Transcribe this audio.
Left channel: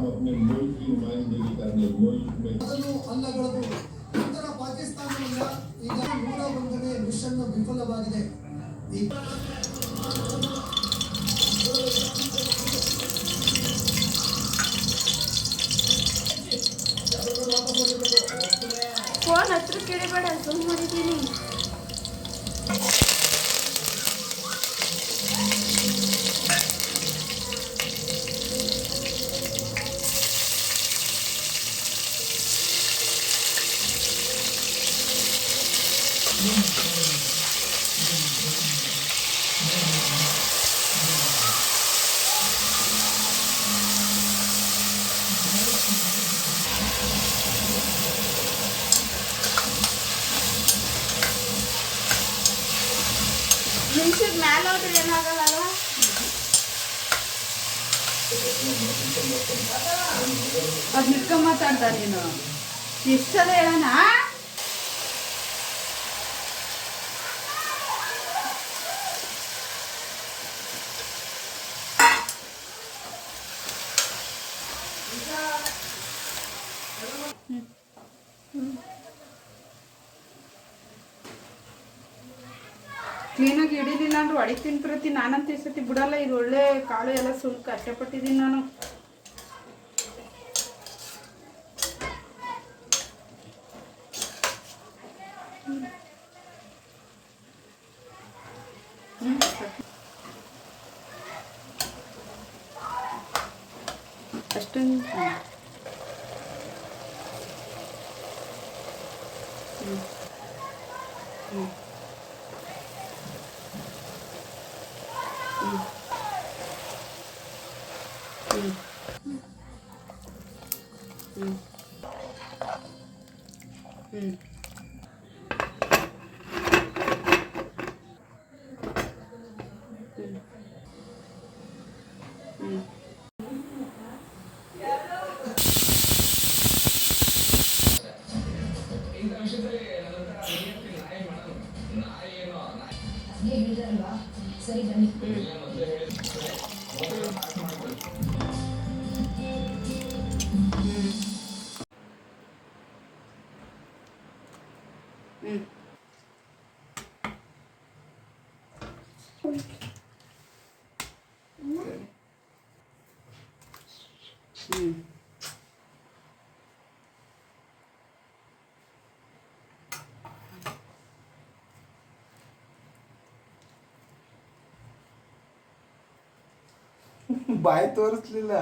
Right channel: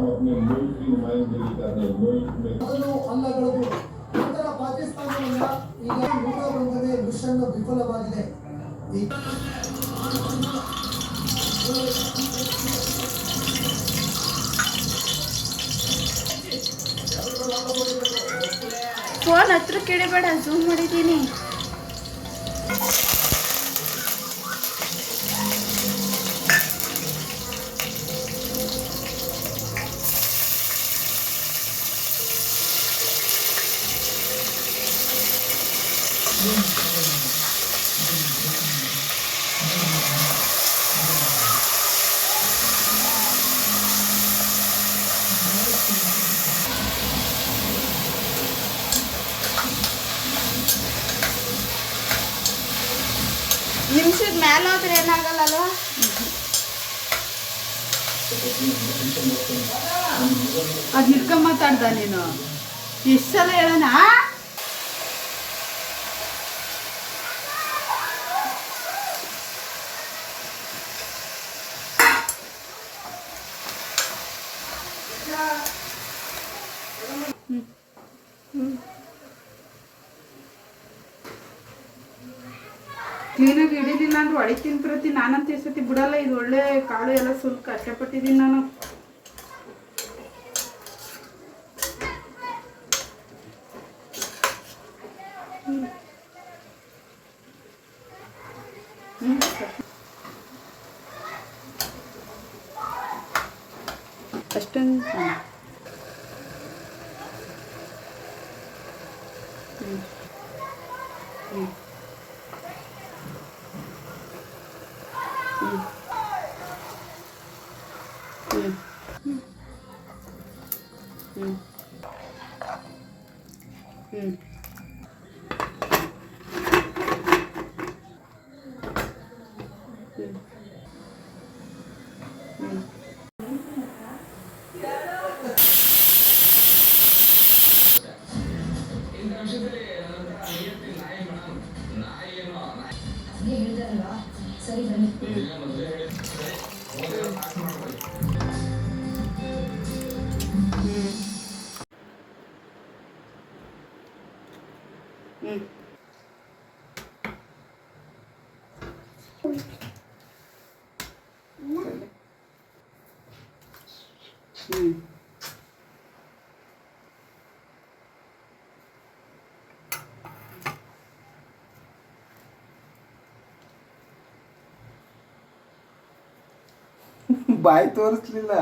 हम अपने मुल्क की नुमाइंदगी करने मुल्क में ಅಲ್ಲಗಳದು ನಂತರ ಪಾಕಿಸ್ತಾನದಿಂದ ಈಗ 101ನೇ ಮಿಷನ್ ವಿಫಲವಾಗಿದೆ. ಫೋನ್ ಹತ್ರ ಕೇಳಬೇಡ, ಜೂಮ್ ಮಾಡಿದ್ದೀನಿ. ನಿಮಿಷದ ಮೇಲೆ ಹೋದ್ರೆ ಏನಾಗಲ್ಲ ಅಲ್ವಾ? ಅದು ನಿತ್ಕೊಂಡ್ ಮಾತಾಡ್ದ ನೀನು ಎಷ್ಟು ಸಲ ಹೇಳೋಣ. ಕ್ಲೀನಾಗಿ ಹಿಡಿಲಿಲ್ಲ ಅಂದ್ರೆ ಹೊಡಿತೀನಿ ಪ್ರತಿ. ನಾನಂತ ಈ ಸತಿ ಬಿಡಲ್ಲ. ಇದು ಒಳ್ಳೆ ಕಾಳು ಎಲ್ಲ ಸ್ವಲ್ಪ ಕಷ್ಟಪಟ್ಟಿದ್ದೀನಿ ನಾನು. ಅಷ್ಟೊಂದು ಸರಿ ಬನ್ನಿ. ಬಾಯಿ ತೋರಿಸ್ಲಿಲ್ಲ.